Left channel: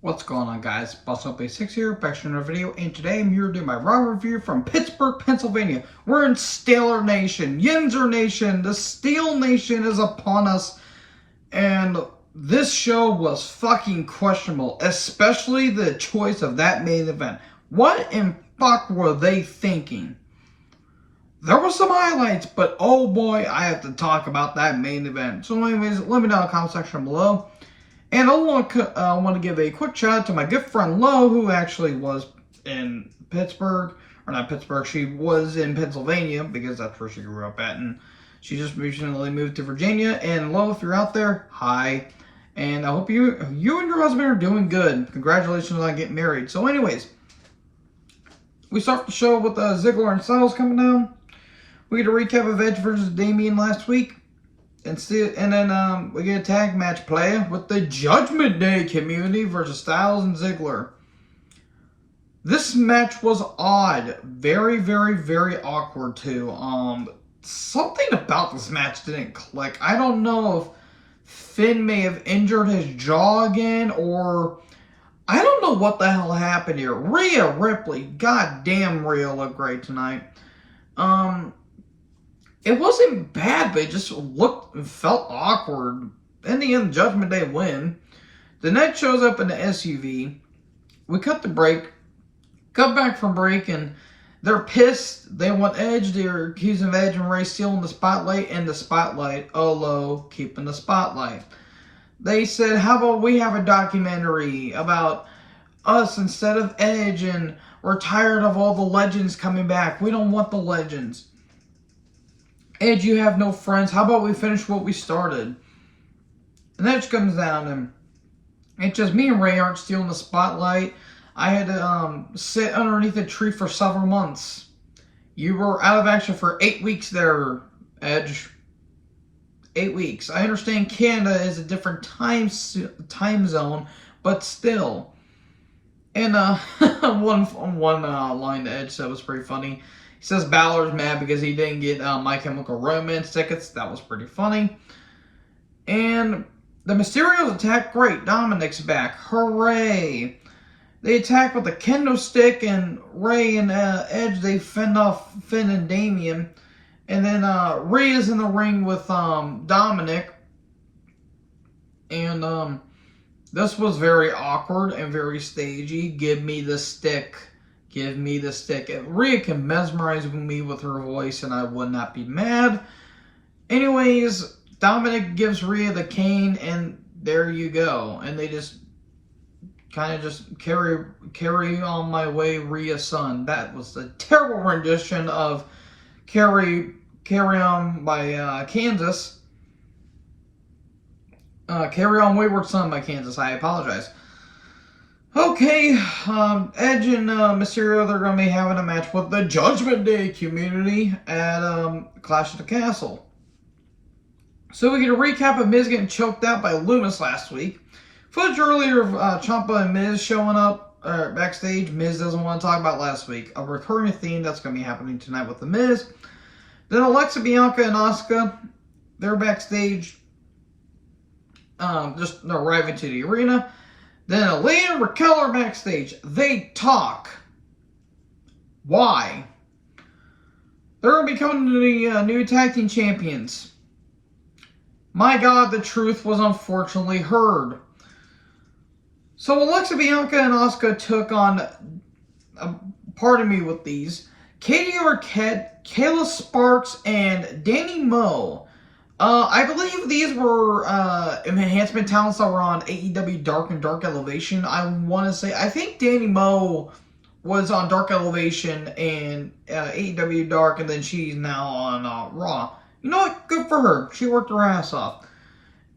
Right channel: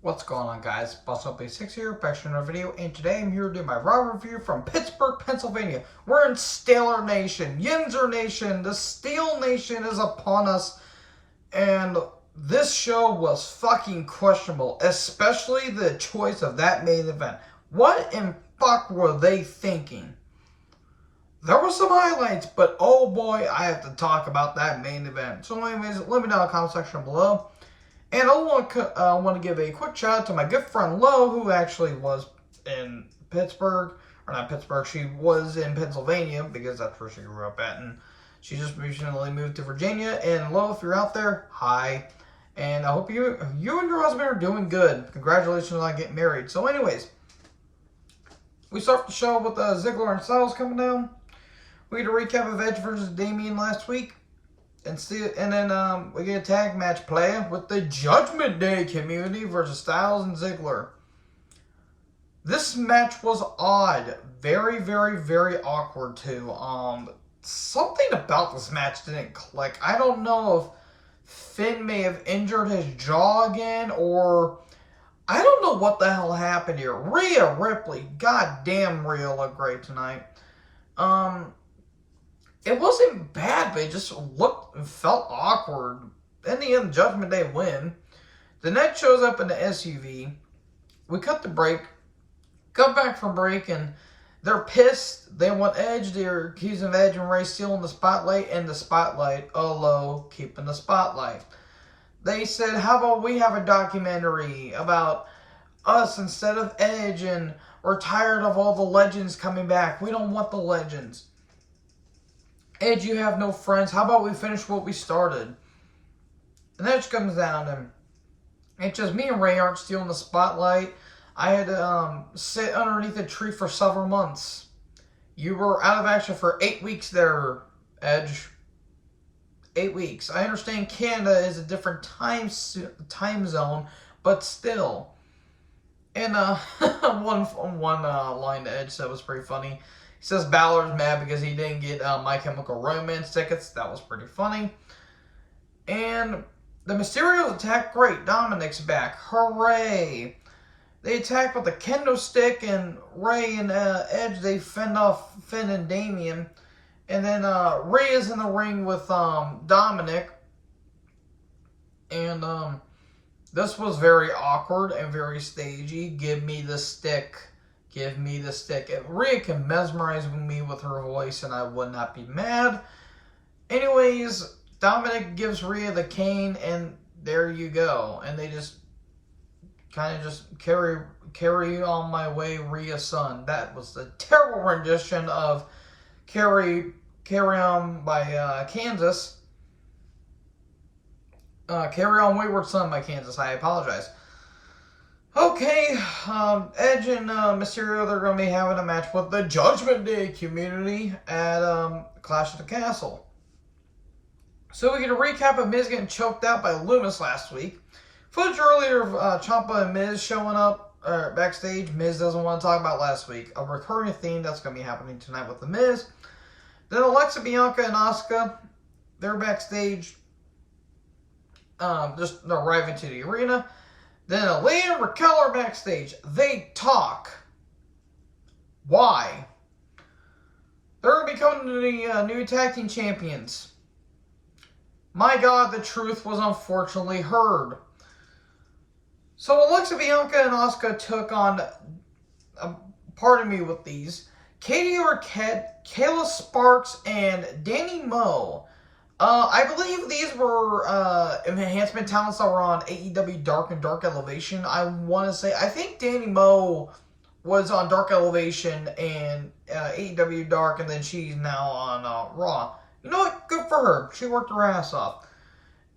What's going on, guys? BustUp86 here, back to another video, and today I'm here to do my Raw review from Pittsburgh, Pennsylvania. We're in Steeler Nation, Yinzer Nation, the Steel Nation is upon us, and this show was fucking questionable, especially the choice of that main event. What in fuck were they thinking? There were some highlights, but oh boy, I have to talk about that main event. So anyways, let me know in the comment section below. And I want to give a quick shout out to my good friend Lo, who actually was in Pittsburgh, or not Pittsburgh, she was in Pennsylvania, because that's where she grew up at, and she just recently moved to Virginia. And Lo, if you're out there, hi. And I hope you and your husband are doing good. Congratulations on getting married. So anyways, we start the show with Ziggler and Styles coming down. We get a recap of Edge versus Damian last week. And then we get a tag match play with the Judgment Day community versus Styles and Ziggler. This match was odd. Very, very, very awkward too. Something about this match didn't click. I don't know if Finn may have injured his jaw again, or I don't know what the hell happened here. Rhea Ripley, goddamn, Rhea looked great tonight. It wasn't bad, but it just felt awkward. In the end, Judgment Day win. The Net shows up in the SUV. We cut the break. Come back from break, and they're pissed. They want Edge. They're accusing Edge and Ray stealing the spotlight, and the spotlight, Olo, keeping the spotlight. They said, how about we have a documentary about us instead of Edge, and we're tired of all the legends coming back. We don't want the legends. Edge, you have no friends. How about we finish what we started? And Edge comes down, and it's just me and Ray aren't stealing the spotlight. I had to sit underneath a tree for several months. You were out of action for 8 weeks there, Edge. 8 weeks. I understand Canada is a different time zone, but still. And one line that Edge said was pretty funny. He says Balor's mad because he didn't get My Chemical Romance tickets. That was pretty funny. And the Mysterios attack, great. Dominic's back. Hooray. They attack with a kendo stick, and Ray and Edge, they fend off Finn and Damian. And then Rhea's in the ring with Dominic. And this was very awkward and very stagey. Give me the stick. Give me the stick. If Rhea can mesmerize me with her voice, and I would not be mad. Anyways, Dominic gives Rhea the cane, and there you go. And they just kind of just carry on my way, Rhea's son. That was a terrible rendition of Carry On by Kansas. Carry On Wayward Son by Kansas. I apologize. Okay, Edge and Mysterio, they're going to be having a match with the Judgment Day community at Clash of the Castle. So we get a recap of Miz getting choked out by Loomis last week. Footage earlier of Ciampa and Miz showing up backstage. Miz doesn't want to talk about last week. A recurring theme that's going to be happening tonight with the Miz. Then Alexa, Bianca, and Asuka, they're backstage, just arriving to the arena. Then Aaliyah and Raquel are backstage. They talk. Why? They're going to be coming to the new tag team champions. My God, the truth was unfortunately heard. So Alexa, Bianca, and Asuka took on, pardon me with these, Katie Arquette, Kayla Sparks, and Danny Moe. I believe these were enhancement talents that were on AEW Dark and Dark Elevation. I want to say, I think Danny Moe was on Dark Elevation and AEW Dark, and then she's now on Raw. You know what? Good for her. She worked her ass off.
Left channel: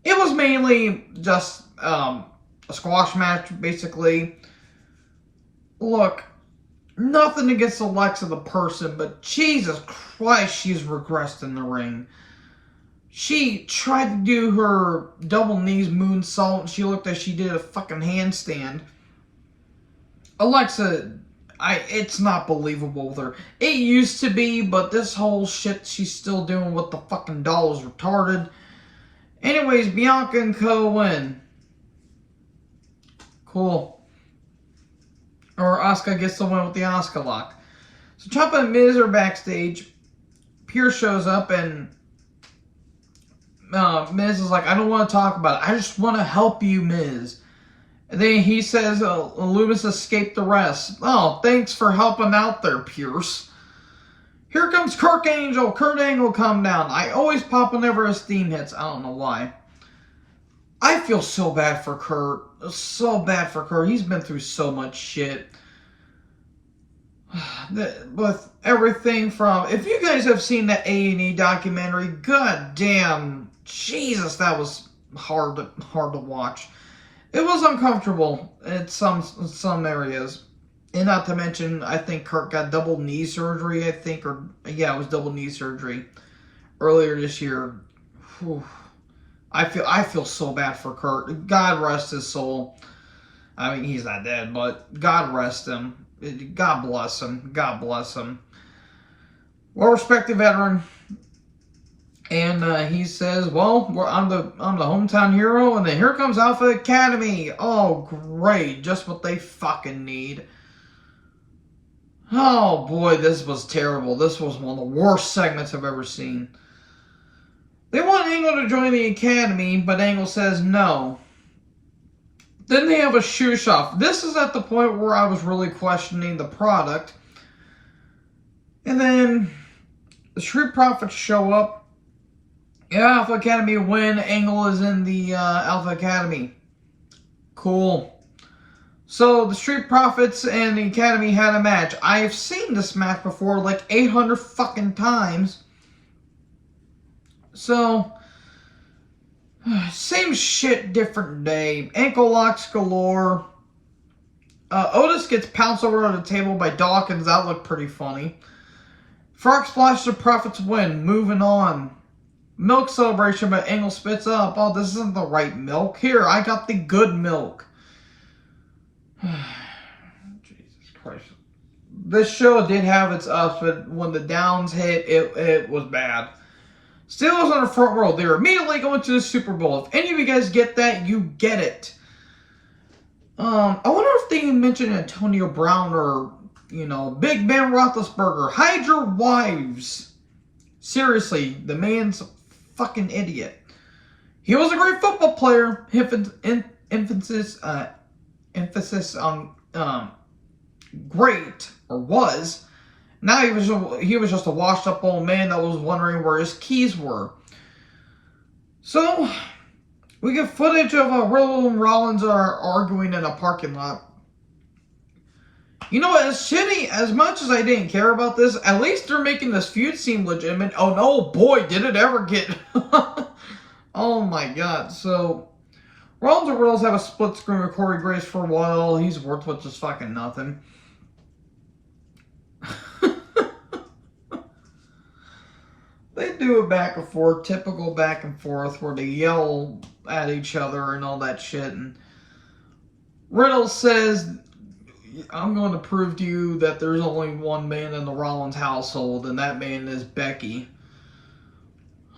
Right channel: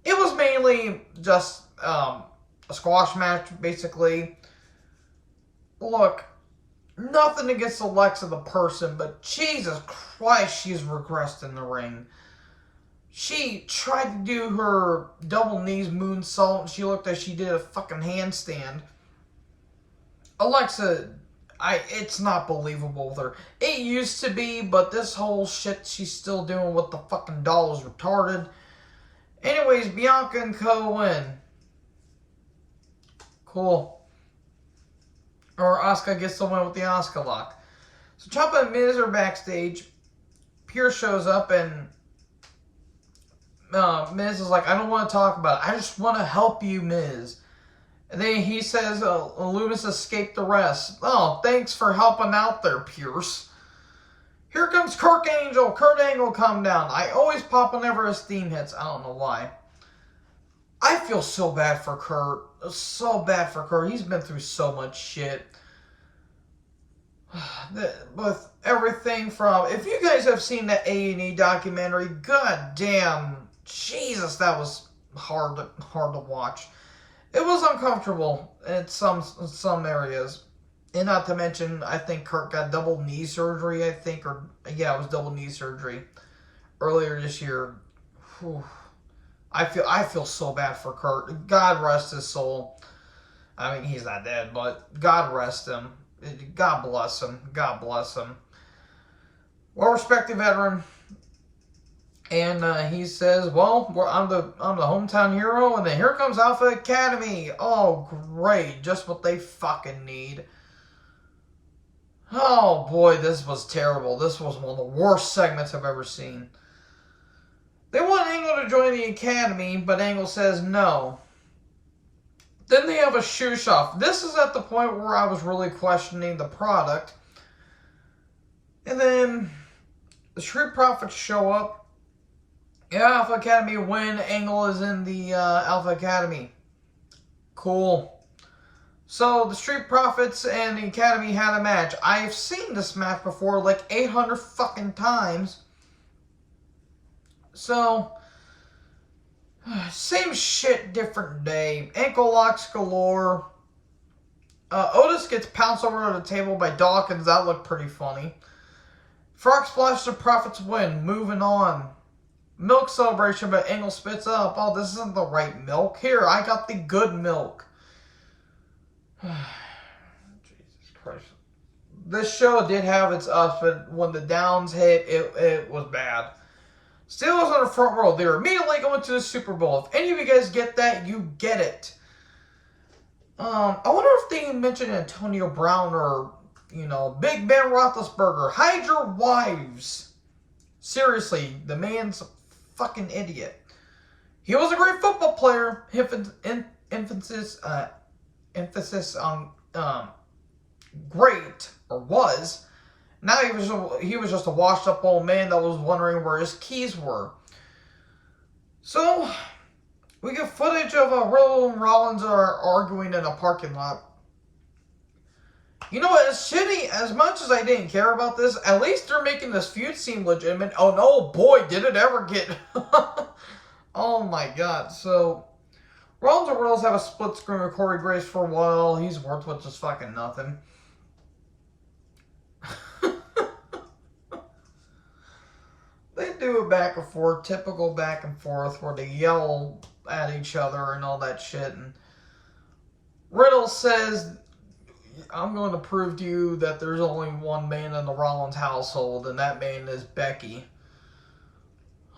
It was mainly just a squash match, basically. Look, nothing against Alexa the person, but Jesus Christ, she's regressed in the ring. She tried to do her double knees moonsault. She looked like she did a fucking handstand. Alexa, it's not believable with her. It used to be, but this whole shit she's still doing with the fucking doll is retarded. Anyways, Bianca and Co win. Cool. Or Asuka gets the win with the Asuka lock. So Ciampa and Miz are backstage. Pierce shows up and Miz is like, I don't want to talk about it. I just want to help you, Miz. And then he says, Loomis escaped arrest. Oh, thanks for helping out there, Pierce. Here comes Kurt Angle. Kurt Angle come down. I always pop whenever his theme hits. I don't know why. I feel so bad for Kurt. So bad for Kurt. He's been through so much shit. With everything from... If you guys have seen the A&E documentary, god damn... Jesus, that was hard to watch. It was uncomfortable in some areas. And not to mention, I think Kurt got double knee surgery, it was double knee surgery earlier this year. Whew. I feel so bad for Kurt. God rest his soul. I mean, he's not dead, but God rest him. God bless him. God bless him. Well-respected veteran. And he says, well, I'm the hometown hero, and then here comes Alpha Academy. Oh, great. Just what they fucking need. Oh, boy, this was terrible. This was one of the worst segments I've ever seen. They want Angle to join the Academy, but Angle says no. Then they have a shoe shop. This is at the point where I was really questioning the product. And then the Street Profits show up. Yeah, Alpha Academy win. Angle is in the Alpha Academy. Cool. So, the Street Profits and the Academy had a match. I've seen this match before like 800 fucking times. So, same shit, different day. Ankle locks galore. Otis gets pounced over on the table by Dawkins. That looked pretty funny. Frog Splash, the Profits win. Moving on. Milk celebration, but Angle spits up. Oh, this isn't the right milk. Here, I got the good milk. Jesus Christ. This show did have its ups, but when the downs hit, it was bad. Steelers on the front row. They're immediately going to the Super Bowl. If any of you guys get that, you get it. I wonder if they mentioned Antonio Brown or, Big Ben Roethlisberger. Hide your wives. Seriously, the man's a fucking idiot. He was a great football player. Emphasis on great, or was. Now he was just a washed up old man that was wondering where his keys were. So we get footage of Riddle and Rollins are arguing in a parking lot. You know what? As shitty as much as I didn't care about this, at least they're making this feud seem legitimate. Oh no, boy, did it ever get? Oh my god. So Rollins and Riddles have a split screen with Corey Graves for a while. He's worth with just fucking nothing. They do a back and forth, typical back and forth, where they yell at each other and all that shit. And Riddle says, I'm going to prove to you that there's only one man in the Rollins household, and that man is Becky.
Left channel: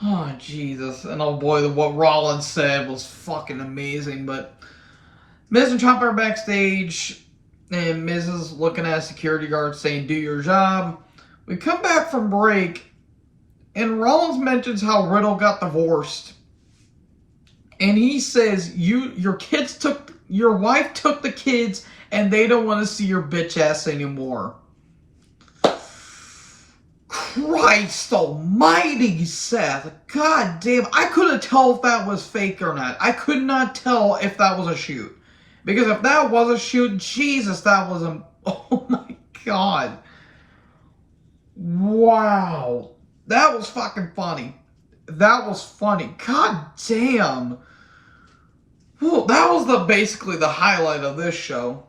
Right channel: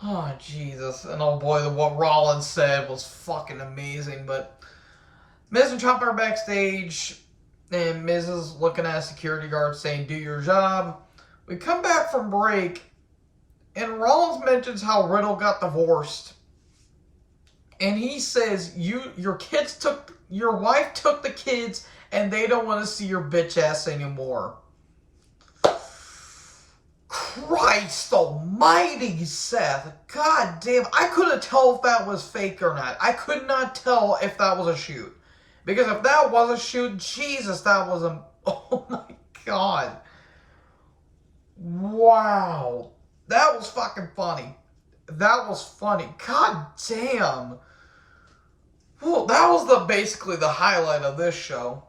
Oh, Jesus. And oh boy, what Rollins said was fucking amazing. But Miz and Ciampa are backstage, and Miz is looking at a security guard saying, do your job. We come back from break, and Rollins mentions how Riddle got divorced. And he says, your wife took the kids, and they don't want to see your bitch ass anymore. Christ almighty, Seth. God damn. I couldn't tell if that was fake or not. I could not tell if that was a shoot. Because if that was a shoot, Jesus, that was a... Oh my god. Wow. That was fucking funny. That was funny. God damn. Well, that was basically the highlight of this show.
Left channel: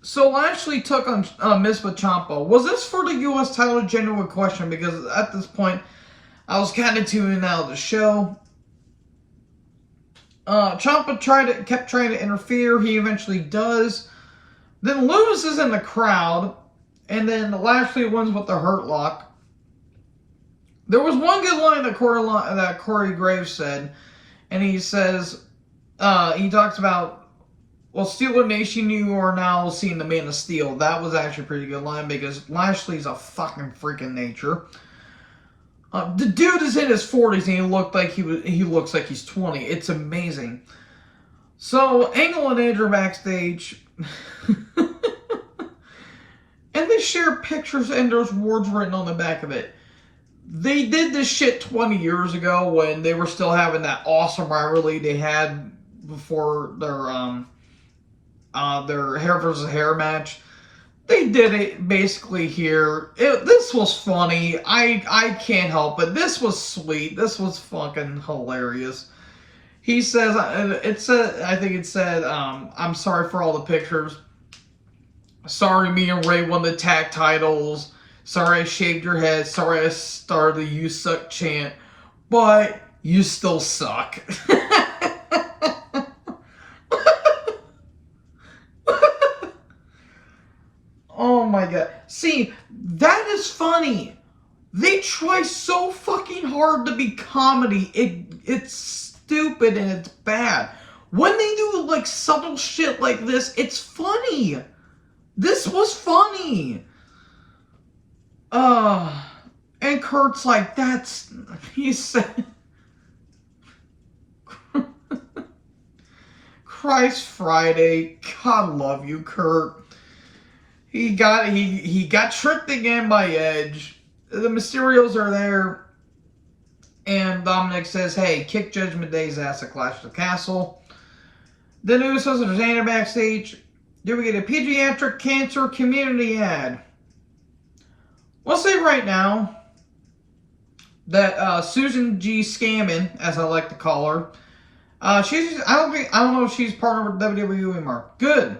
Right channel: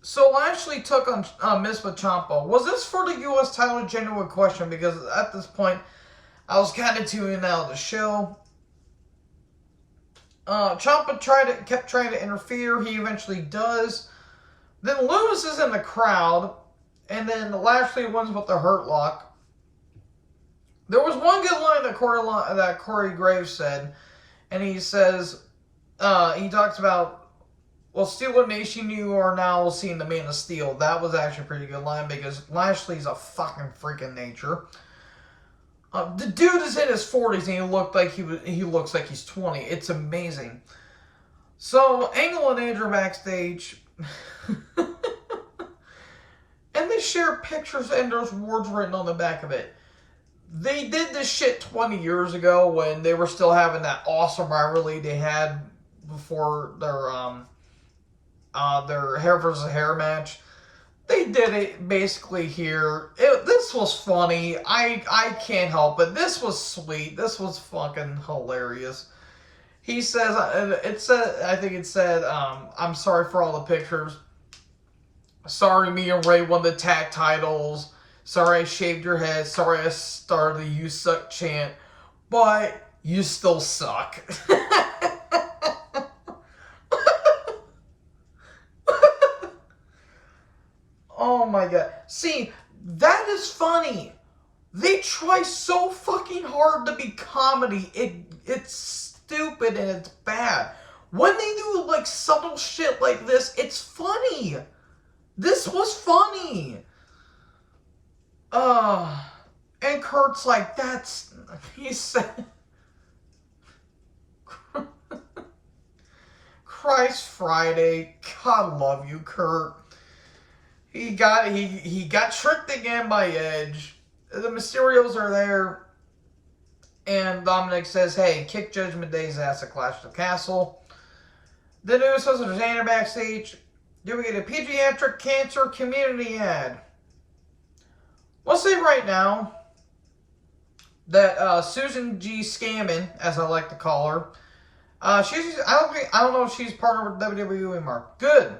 So Lashley took on Miz with Ciampa. Was this for the U.S. title? Genuine question, because at this point, I was kind of tuning out of the show. Ciampa kept trying to interfere. He eventually does. Then Lewis is in the crowd, and then Lashley wins with the Hurt Lock. There was one good line that Corey Graves said, and he says, he talks about well, Steeler Nation, you are now seeing the Man of Steel. That was actually a pretty good line because Lashley's a fucking freaking nature. The dude is in his 40s and he looks like he's 20. It's amazing. So Angle and Edge are backstage, and they share pictures and there's words written on the back of it. They did this shit 20 years ago when they were still having that awesome rivalry they had before their hair versus hair match. They did it basically here. This was funny. I can't help it. This was sweet. This was fucking hilarious. He says, I think it said, I'm sorry for all the pictures. Sorry me and Ray won the tag titles. Sorry I shaved your head. Sorry I started the "You Suck" chant. But you still suck. Oh my god. See, that is funny. They try so fucking hard to be comedy. It's stupid and it's bad. When they do like subtle shit like this, it's funny. This was funny. And Kurt's like, he said, Christ Friday, God love you, Kurt. He got tricked again by Edge. The Mysterios are there. And Dominic says, hey, kick Judgment Day's ass at Clash of the Castle. The Usos and Xander backstage. Do we get a pediatric cancer community ad? We'll say right now that Susan G. Scammon, as I like to call her, I don't know if she's partnered with WWE anymore. Good.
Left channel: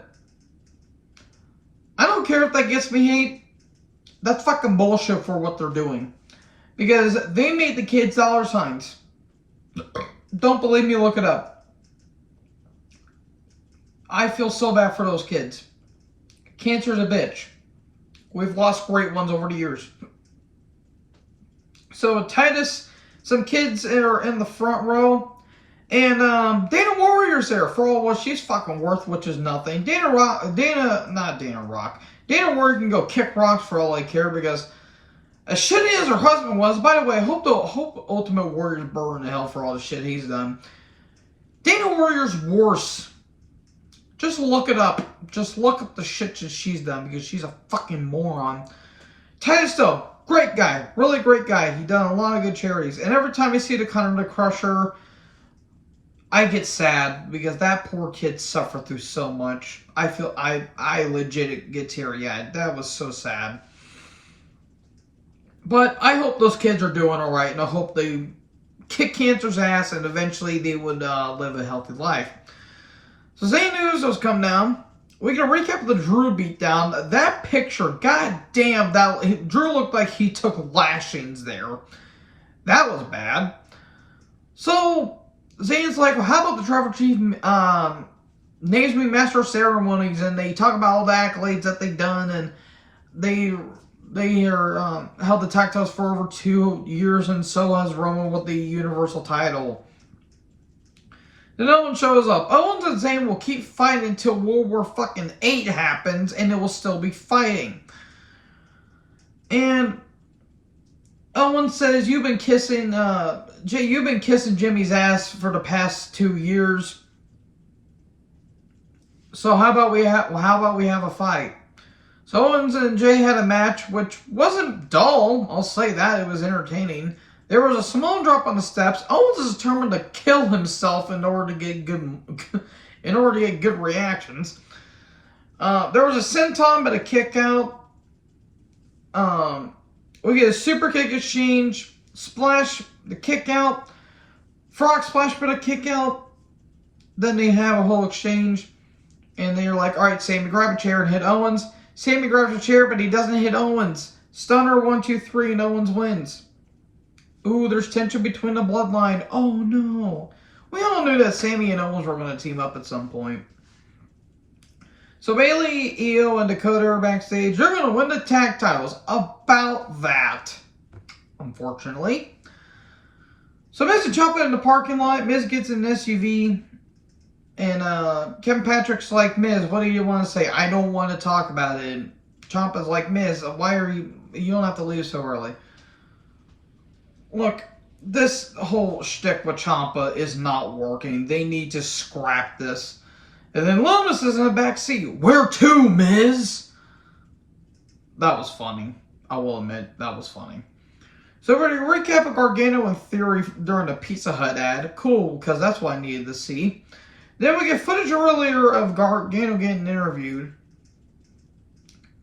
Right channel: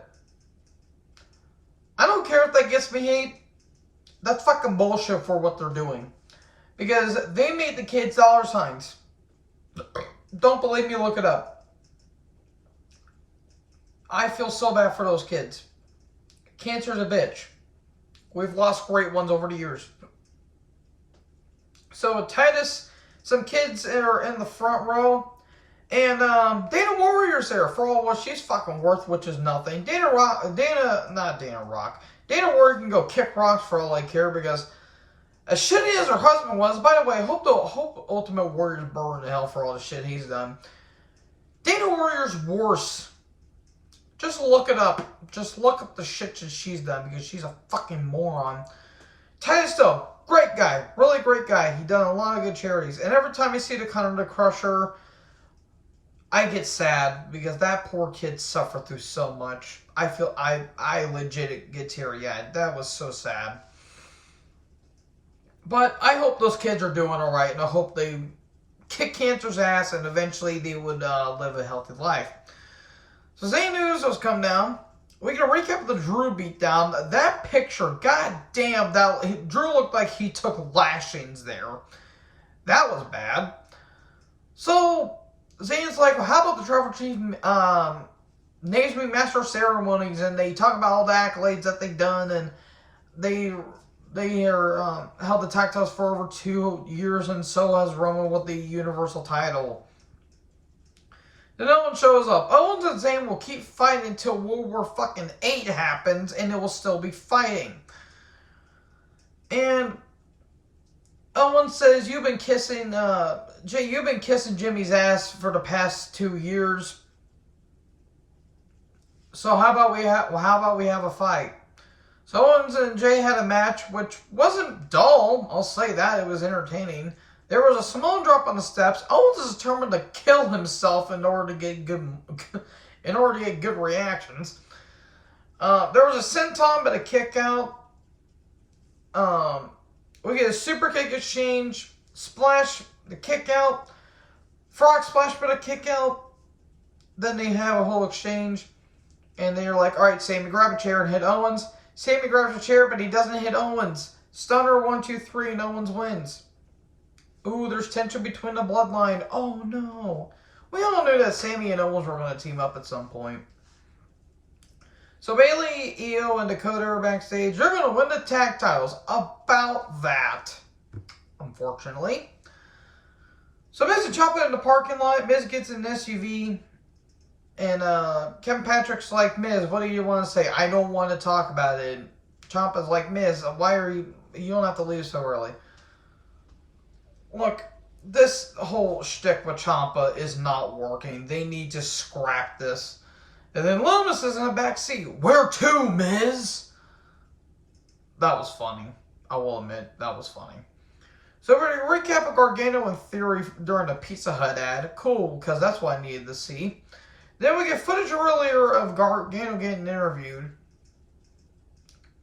I don't care if that gets me hate. That's fucking bullshit for what they're doing. Because they made the kids dollar signs. Don't believe me, look it up. I feel so bad for those kids. Cancer's a bitch. We've lost great ones over the years. So Titus, some kids are in the front row. And Dana Warrior's there for all what she's fucking worth, which is nothing. Dana Warrior can go kick rocks for all I care because as shitty as her husband was, by the way, I hope Ultimate Warrior's burn in hell for all the shit he's done. Dana Warrior's worse. Just look it up. Just look up the shit that she's done because she's a fucking moron. Titus though, great guy. Really great guy. He done a lot of good charities. And every time I see the Connor the Crusher, I get sad because that poor kid suffered through so much. I legit get teary-eyed. That was so sad. But I hope those kids are doing all right, and I hope they kick cancer's ass, and eventually they would live a healthy life. So Zayn Usos come down. We get a recap of the Drew beatdown. That picture, goddamn, Drew looked like he took lashings there. That was bad. So Zayn's like, well, how about the Tribal Chief names me Master of Ceremonies, and they talk about all the accolades that they've done, and they are held the tag titles for over 2 years, and so has Roman with the Universal title. Then Owens shows up. Owens and Zayn will keep fighting until World War fucking 8 happens, and it will still be fighting. And Owens says, you've been kissing Jimmy's ass for the past 2 years. So how about we have a fight? So Owens and Jay had a match which wasn't dull. I'll say that. It was entertaining. There was a small drop on the steps. Owens is determined to kill himself in order to get good reactions. There was a senton but a kick out. We get a super kick exchange, splash, the kick out, frog splash but a kick out. Then they have a whole exchange. And then you're like, alright, Sammy, grab a chair and hit Owens. Sammy grabs a chair, but he doesn't hit Owens. Stunner 1, 2, 3, and Owens wins. Ooh, there's tension between the bloodline. Oh no. We all knew that Sammy and Owens were going to team up at some point. So Bayley, Io, and Dakota are backstage. They're going to win the tag titles. About that, unfortunately. So Miz and Ciampa in the parking lot. Miz gets in an SUV. And Kevin Patrick's like, Miz, what do you want to say? I don't want to talk about it. Ciampa's like, Miz, why are you don't have to leave so early. Look, this whole shtick with Ciampa is not working. They need to scrap this. And then Loomis is in the back seat. Where to, Miz? That was funny. I will admit, that was funny. So we're going to recap of Gargano and Theory during the Pizza Hut ad. Cool, because that's what I needed to see. Then we get footage earlier of Gargano getting interviewed.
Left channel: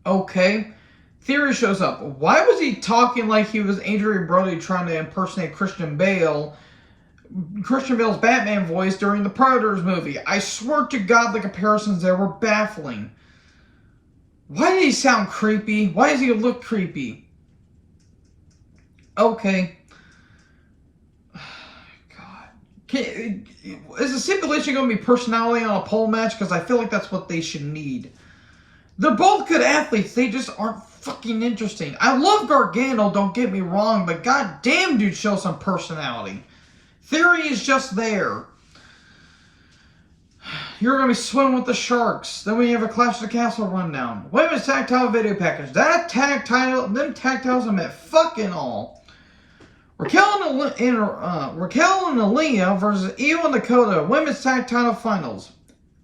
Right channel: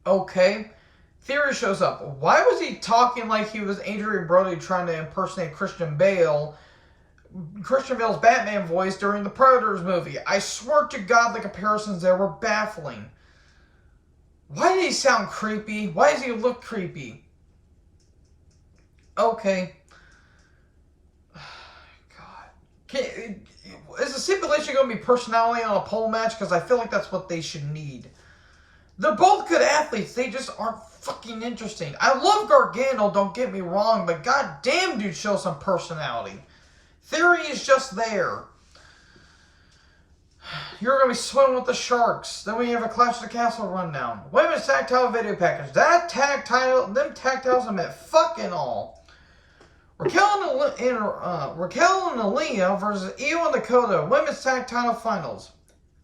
Okay. Theory shows up. Why was he talking like he was Adrian Brody trying to impersonate Christian Bale? Christian Bale's Batman voice during the Predators movie. I swear to God, the comparisons there were baffling. Why did he sound creepy? Why does he look creepy? Okay. God. Is the stipulation going to be personality on a pole match? Because I feel like that's what they should need. They're both good athletes. They just aren't fucking interesting. I love Gargano, don't get me wrong, but goddamn, dude, show some personality. Theory is just there. You're going to be swimming with the Sharks. Then we have a Clash of the Castle rundown. Women's tag title video package. That tag title, them tag titles I meant fucking all. Raquel and Aaliyah versus Io and Dakota. Women's tag title finals.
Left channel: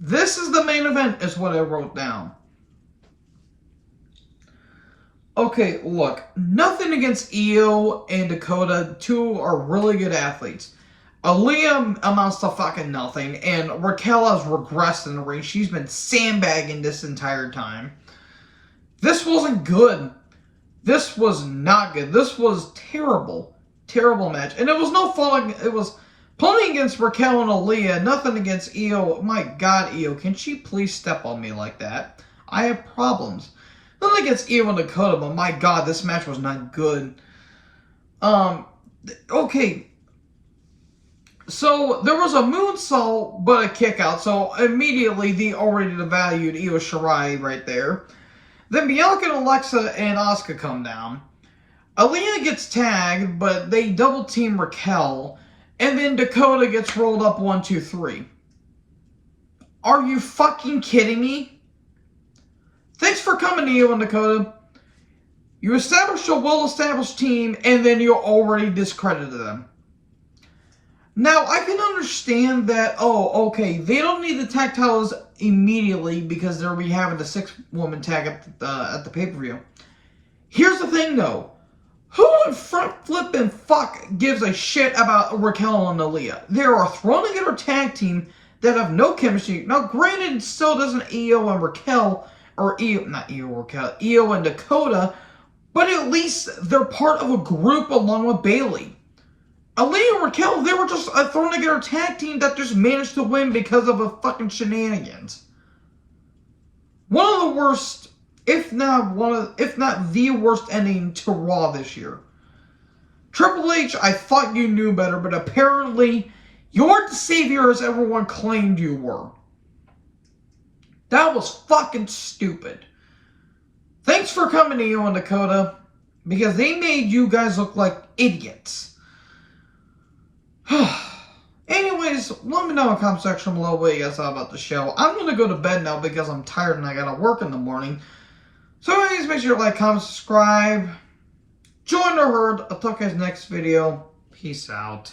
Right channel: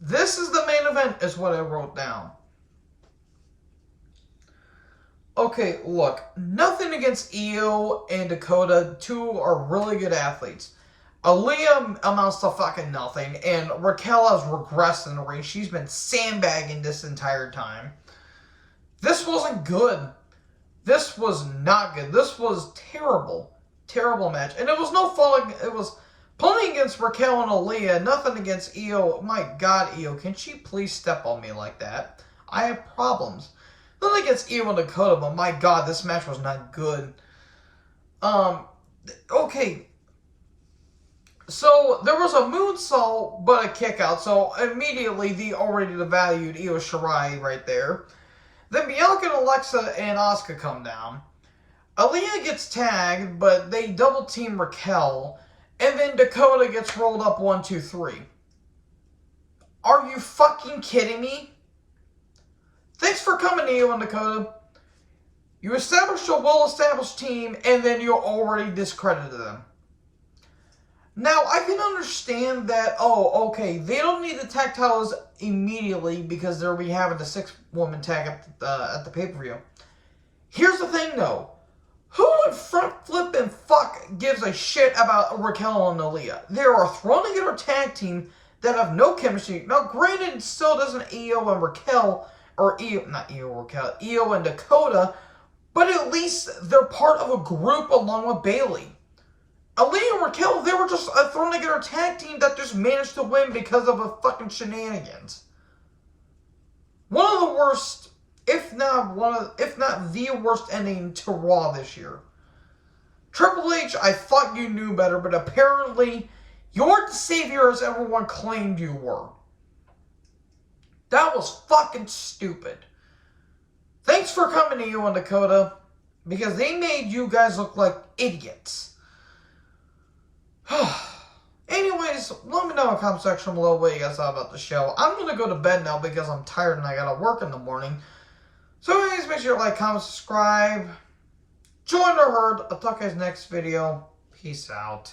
This is the main event, is what I wrote down. Okay, look. Nothing against Io and Dakota. Two are really good athletes. Aaliyah amounts to fucking nothing, and Raquel has regressed in the ring. She's been sandbagging this entire time. This wasn't good. This was not good. This was terrible. Terrible match. And it was no fault. It was plenty against Raquel and Aaliyah. Nothing against Io. My God, Io, can she please step on me like that? I have problems. Nothing against Io and Dakota, but my God, this match was not good. Okay. So, there was a moonsault, but a kick out. So, immediately, they already devalued Io Shirai right there. Then Bianca and Alexa and Asuka come down. Aaliyah gets tagged, but they double team Raquel. And then Dakota gets rolled up 1, 2, 3. Are you fucking kidding me? Thanks for coming, Io and Dakota. You established a well-established team, and then you already discredited them. Now, I can understand that, oh, okay, they don't need the tag titles immediately because they'll be having the 6-woman tag at the pay-per-view. Here's the thing, though. Who in front flipping fuck gives a shit about Raquel and Aaliyah? They are a thrown-together tag team that have no chemistry. Now, granted, so doesn't Io and Raquel, or Io, not Io and Raquel, Io and Dakota, but at least they're part of a group along with Bayley. Aaliyah and Raquel, they were just a thrown-together tag team that just managed to win because of a fucking shenanigans. One of the worst, if not the worst ending to Raw this year. Triple H, I thought you knew better, but apparently you weren't the savior as everyone claimed you were. That was fucking stupid. Thanks for coming, Io and Dakota, because they made you guys look like idiots. Anyways, let me know in the comment section below what you guys thought about the show. I'm going to go to bed now because I'm tired and I got to work in the morning. So anyways, make sure to like, comment, subscribe. Join the herd. I'll talk to you guys next video. Peace out.